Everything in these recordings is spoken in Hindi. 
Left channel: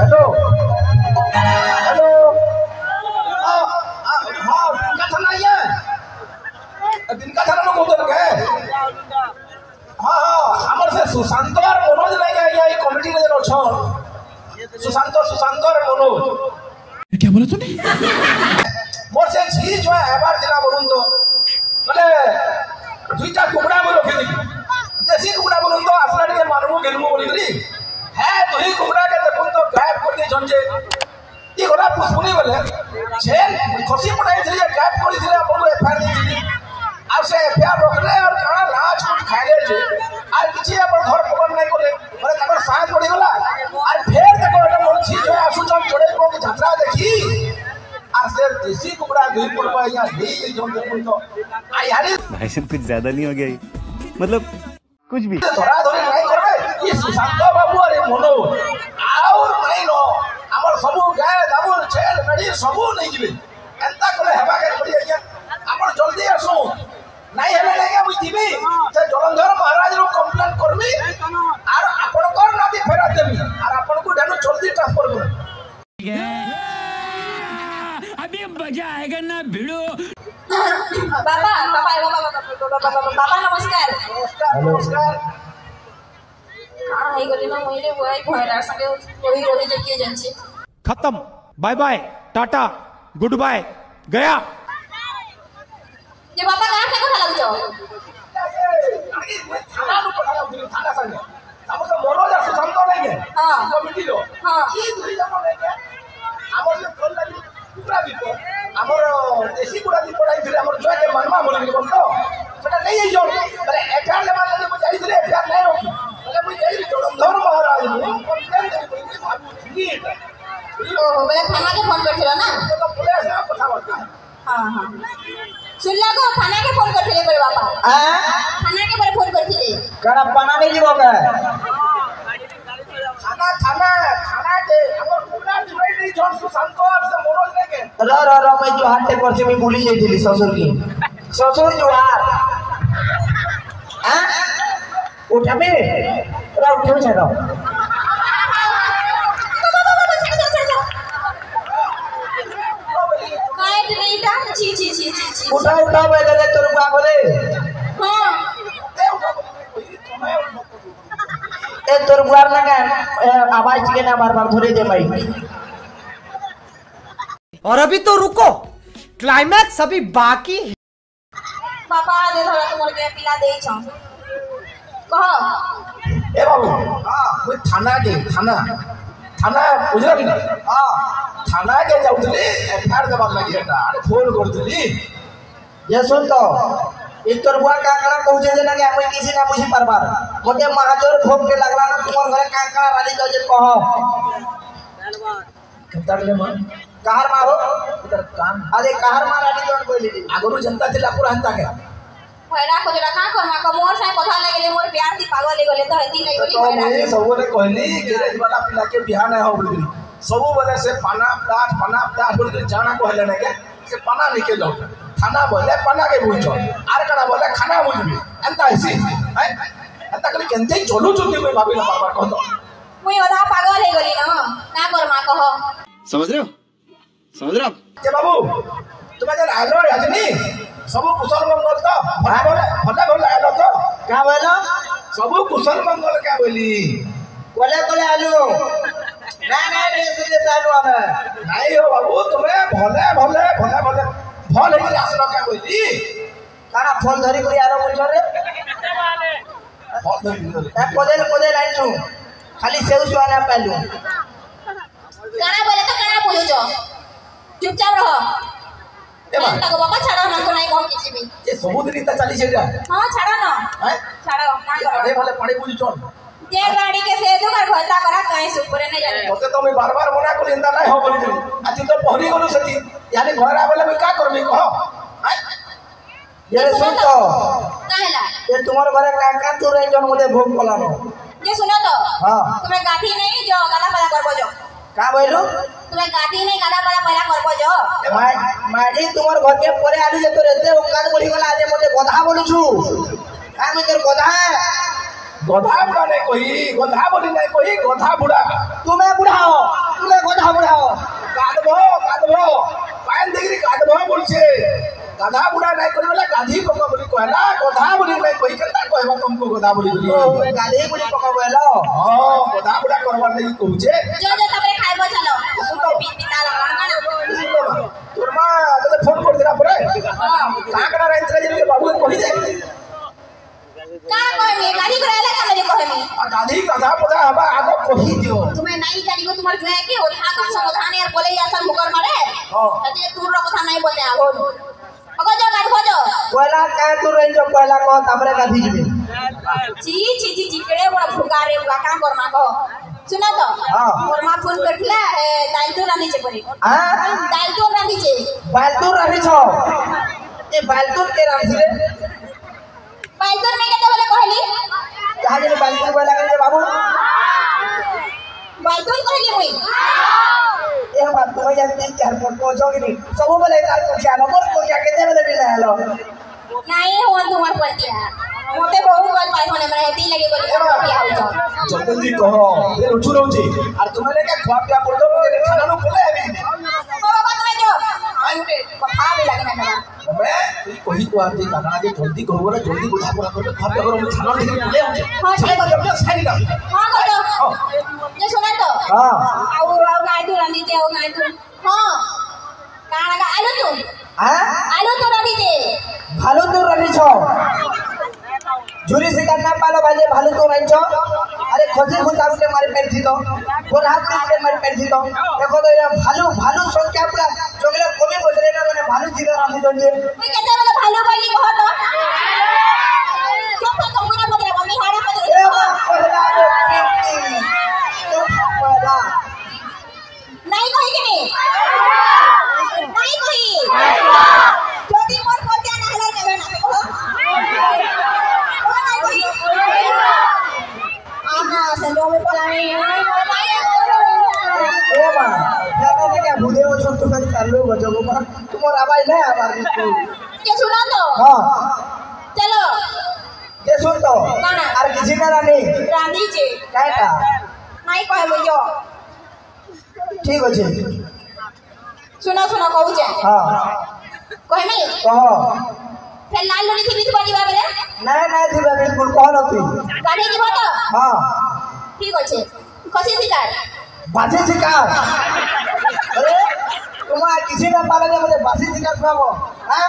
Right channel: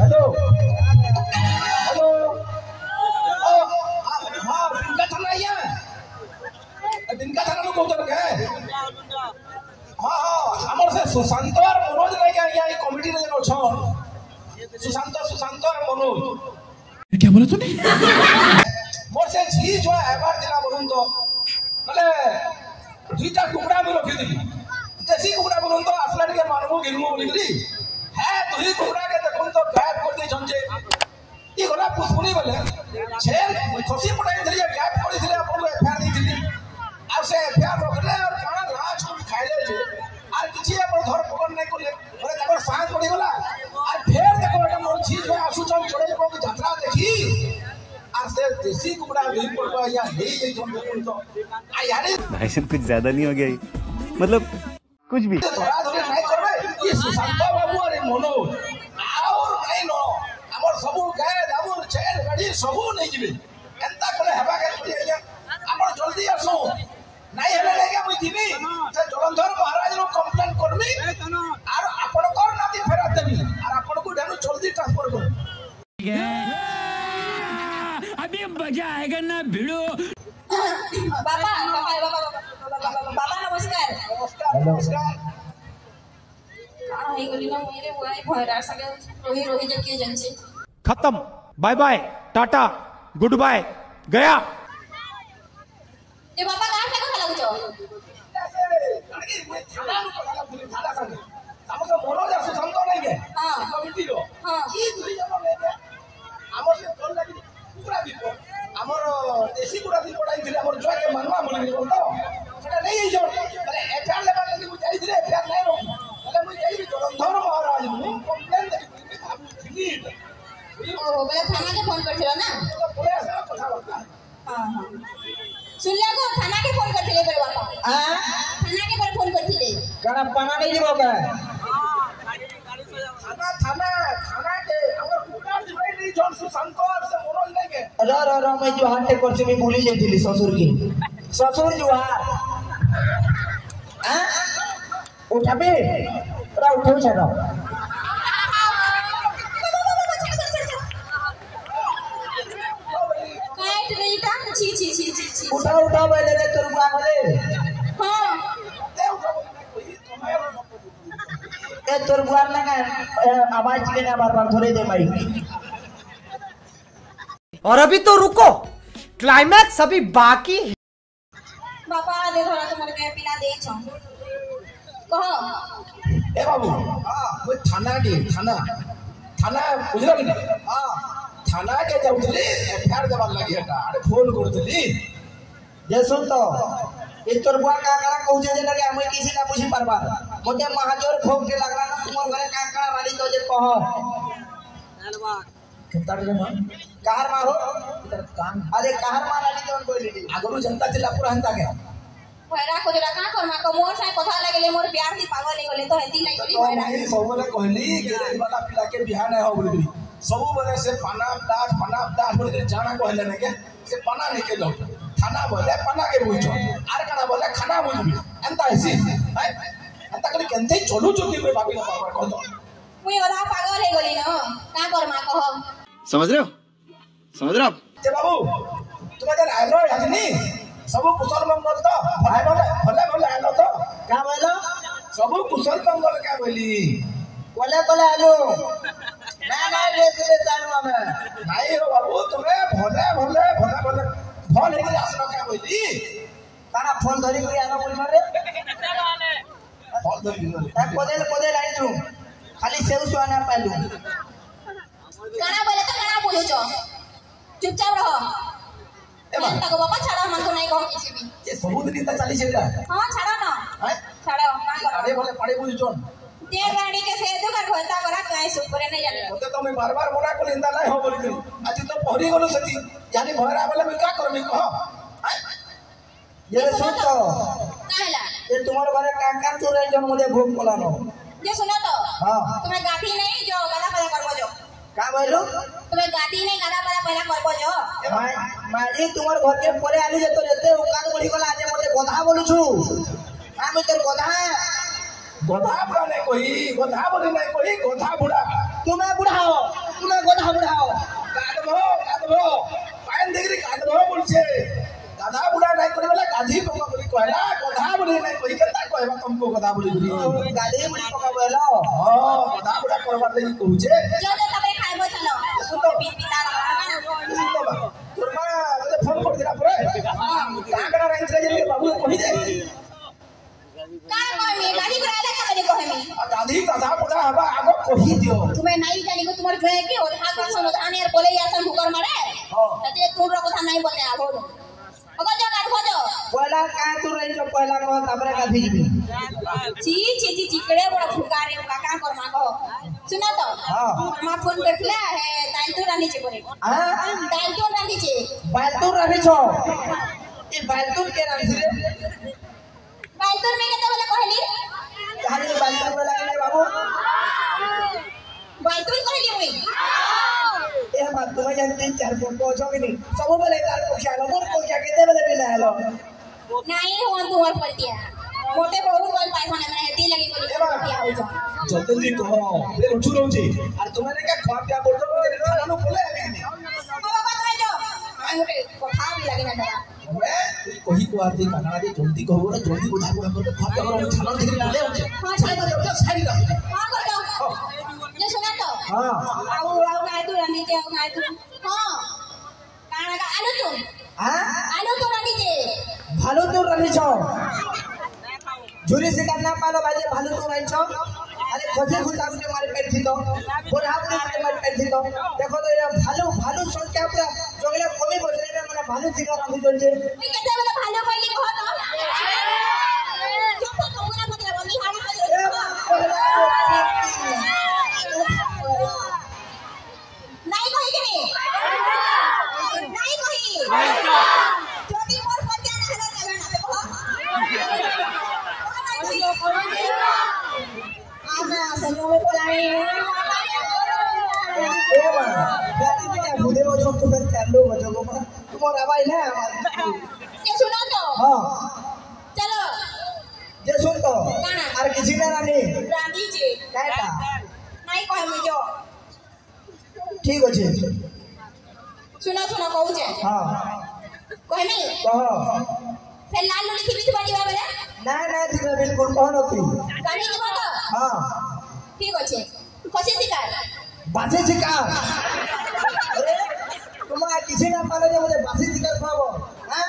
हेलो हेलो हाँ बिनका थाना ही है बिनका थाना लोग उधर गए हाँ हाँ हमर से सुशांत और मनोज नहीं गए ये कमिटी रे जन छ सुशांत और मनोज क्या बोला तूने मोर से झी जो है एबार दिना बोलूं तो माने दुईटा कुकड़ा में रखी दी देसी कुकड़ा बोलूं तो असला के मानबो गेलमो बोली करी है दुही कुकड़ा के देखुन तो गायब कर दे जंजे ई गोला पुष्पुनी बोले छेल खसी पटाई दिले गायब कर दिले अपन एफआईआर दी दिली आ से एफआईआर रोकले और काना लाज कुछ खाइले जे आर किछि अपन घर पकड़ नहीं करे माने तकर साथ पड़ी गला आर फेर देखो एटा मोर छी जो आसु जम चढ़े को यात्रा देखी आर से देसी कुकड़ा भी पड़बा या नहीं जम देखुन तो आ यानी भाई सब कुछ ज्यादा नहीं हो गया मतलब कुछ भी धरा धरे नहीं करबे ये सुशांत बाबू अरे मनो और नहीं नो हमर सबु गाय दाबुर छेल मेडी सबु नहीं जिबे एंता कोले हेबा के पड़ी आज्ञा हमर जल्दी आसो नहीं हेले लागे मुई दिबी जे जलंधर महाराज रो कंप्लेंट करबी और आपन कर नाती फेरा देबी और आपन को डेनो जल्दी ट्रांसफर कर अभी मजा आएगा ना भिड़ो बाबा नमस्कार नमस्कार हां हे गली ना मोइरे वही भयरा संगे रोही रोही जे के जनसी खत्म bye bye tata goodbye गया ये बाबा कहां से কথা লাগছো थाना नु पड़ा थाना संगे हम तो मनोज और सुशांत नहीं गए हां कमिटी रो हां ई दुई जन नहीं गए हमर से कल लगी कुकड़ा भी को हमर देसी कुकड़ा भी पड़ाई थिले हमर जो के मनवा बोली बोल तो सेटा नहीं है जो अरे एफआईआर लेवा लगी मुझे दिले एफआईआर नहीं रोकी बोले मुझे जलंधर महाराज नु कंप्लेंट देबी भाबू थी ओ बोले थाना के फोन करथिलो ना तो पुलिस ना कथा बता हां हां सुनला को थाना के फोन करथिले बड़े बाबा थाना के पर फोन करथिले करा पना नहीं जीवो के थाना के हमर कुकड़ा छुड़ाई नहीं जोन सुशांत और से मनोज नहीं के र मैं जो हाटे पर से मैं भूली जाइली ससुर की ससुर जुहार हां उठाबे रा उठो छाड़ो काट नीटा छी उठा बेले तोर बुआ बोले हां ए तोर बुआर ना का आवाज के ना बार धरे दे माइक और अभी तो रुको क्लाइमैक्स अभी बाकी है बाबा दे धरा तुमर के पिला देई छ कह ए बाबू हां वो थाना बुझला कि हां थाना के जाउतली एफआईआर देबा लागि हेटा अरे फोन करतली ये सुन तो इ तोर बुआ का काना कहू जे ना कि हम किसी ना बुझी परबार मोटे महाजोर भोग के लगला ना तुमर घरे का काना वाली जाओ जे कह कतर ले मन कहर मा हो इधर कान अरे कहर मा रानी जोन कोइली दी आगरू जनता जिला पूरा हंता के भयरा को जरा का कर मा को मोर से कथा लागले मोर प्यार दी पागल गले तो हेती नहीं बोली तो भयरा मैं सबने कहली गैरेज वाला पिला के बिहान है हो बोली सब बने से पाना दास बोली जाना को हले नहीं के से पाना निकल जाओ थाना बोले पाना के बुझो आर कड़ा बोले खाना बुझबी एंता ऐसी है एंता करे केनते चलो चलो कोई भाभी ना बार कह दो मुई ओधा पागल हे गली ना का कर मा कहो समझ रहे हो जे बाबू तुम्हें जर आलो याजनी सब कुशल मंगल तो भले आलो तो का बोलो सब कुशल मंगल क्या बोली कोले आलू ना रे आलू हमें नहीं हो बाबू तुम्हें भले फल है आसलो क्या बोली काना फोन धरी कोई आरो बोल रे फल धरी ए कोदे लाइन छु खाली सेउ सुआना पालू काना बोले तो काना बोलो जो चुपचाप रहो ए बा तक बाबा छाड़ो ना को नहीं कहो किसी भी ये सबुदिन ता चली छेजा हां छाड़ो ना हैं छाड़ो का करो अरे भले पानी बुझ चोन जे गाड़ी के से तो घर घोलता करा कहीं से ऊपर नहीं जाने ओते तो मैं बार मना को लेंदा नहीं हो बोली दिली आज तो पहरी गलो सती यानी घर आबले मैं का करबी कहो हैं ये सुन तो काहेला ये तुम्हारे घरे का तू रही जन मुझे भोग पलानो ये सुनो तो हां तुम्हें गाठी नहीं जो गला पला करबो जो का बोलो तुम्हें गाठी नहीं गला पला पहला करबो जो माजी तुम्हारे घर के परे आलू जे तो रहते उकान बोली गला आज मुझे गधा बोलू छु आ मैं तोर गधा गधा बुढ़ा नहीं कोई गधा बोली नहीं कोई गधा बुढ़ा तुम्हें बुढ़ा हो कहला गधा बोली नहीं कोई केता कहबा तुमको गधा बोली बोली गाली बुढ़ी पकाबेलो हां गधा बुढ़ा करवार लगी कहूचे जो जो तबे खाइबो चलो पिता लगा सुनो बा तोर मां तले फोन कर दिला परे हां काकड़ा रहित जे बाबू कहि दे का कहबे गाड़ी कराले का ले कहबे गाधी गधा पदा हबा आगो कहि दियो तुम्हें नहीं जानी को तुम्हारे जो है कि ओथा का समाधान यार बोले यार सब मुकर मारे हां अते तू रो कथा नहीं बोलते आगो अगो जा गाड़ भजो कहला का तू रेंज कहला कह तापरे गाधी जबे ची ची ची चिकड़े बड़ा फुकारे का कर मांगो सुना तो हां मोर मां फोन करथिला है दाल तो रानी छे परे हां दाल तो रानी छे बालतूर रही छो ए बालतूर के नाम से बालतूर में केते बोले कहली कहा जे बालतूर बोला के बाबू बालतूर कहली मुई ए बात तो जन 3-4 फोन पहुंचो कि नहीं सब बोले तार को क्या मोर को क्या केते बोले बिना हेलो नहीं हो तुम्हार पटिया मोटे बहुत गल पाई होने मरे हेती लगे बोली पटिया हो जाओ जल्दी कहो ये उठू रहउची और तुम्हारे क्या खवा पिया बोलतो मुझे खाना नो बोले अभी बाबा तुम्हें जो आई उठे कथा भी लगे ना बाबा मैं कोई को आती काकड़ा के जल्दी कहो रे जल्दी बुझा पूरा कर खवा पिया करो खाना ठीक बोले होचे हां चले तो जब साइड का हां करो ये सुना तो हां आओ गाय तो रानी के आओ गाय तो हां काना का आलू तू हां आलू तो रानी के भालो तो रही छो झुरी शिकार ना पालो बाजे भालो तो रही छो अरे खोजे खुदा उठे मारे पेट थी तो कोल्हापुरी उठे मारे पेट थी तो देखो तो ये भालू भालू संख्या पूरा जोगले कमी बजरे ना माने भालू शिकार आंधी तो जे मैं कहता बोले भालो बोली कहो तो चुप तो मुना पकड़े मम्मी हाड़ा पकड़े ए पहला को पीती तो पहला नहीं कही कि नहीं कही ज्योति मोर पतिया ना हला के ना कहो नहीं कही आमा संजो में बोलावे ए मां जाने में क्या भूदे हो छोटू का चालू बजो को मां तुम्हारा आवाज नहीं आवाज बिल्कुल ये सुना तो हां चलो ये सुन तो गाना और किसी का नहीं रानी जी काटा नहीं कहे मुझे ठीक है सुना सुना कहू जे हां कहे नहीं कहो फिर लाल लोनी थी बीच बड़ी बाबे नहीं थी बिल्कुल कहो ना तू गाड़ी की बात हां ठीक আছে खसी शिकार बासी शिकार अरे तुम किसी का पाले दे मुझे बासी शिकार खाओ हां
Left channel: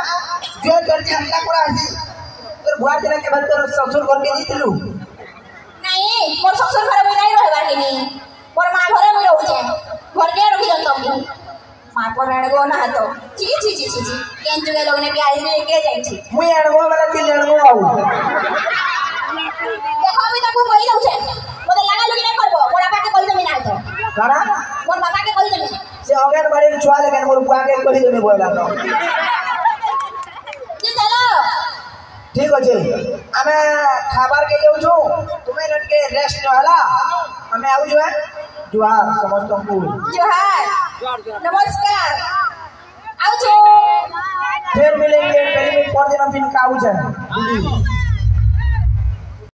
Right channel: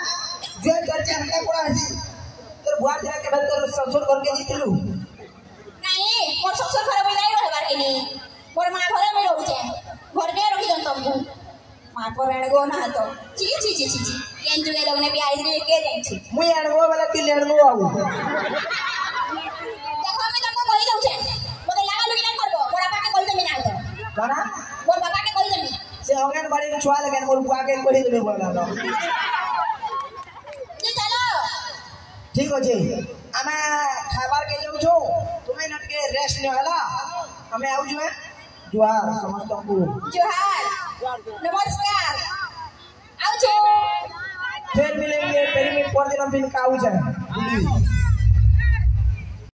जो करके हमला करा हसी तोर बुआ दिना के बाद तोर ससुर घर के जीतलू नहीं मोर ससुर घर में नहीं रहबार के नहीं मोर मां घर में रहू छे घर के रखी दन तुमको मां पर अड़गो ना तो ची ची ची ची ची केन जुगे लोग ने भी आई में लेके जाई छी मुई अड़गो वाला ती लड़गो आऊ देखो अभी तक कहि दउ छे मोते लगा लुकी नहीं करबो मोर बापा के कहि देबी ना तो करा मोर बापा के कहि देबी से अंगन बाड़ी में छुआ लेकिन मोर बुआ के कहि देबे बोला तो जी चलो ठीक আছে আমি খাবার কে যাউছো তুমি নটকে রেস্ট ন হলা আমি আউ जो है जोहार समस्तଙ୍କୁ जोहार नमस्कार आओ छो फिर मिलेंगे पहले दिन पर दिन बिन का आउ जाए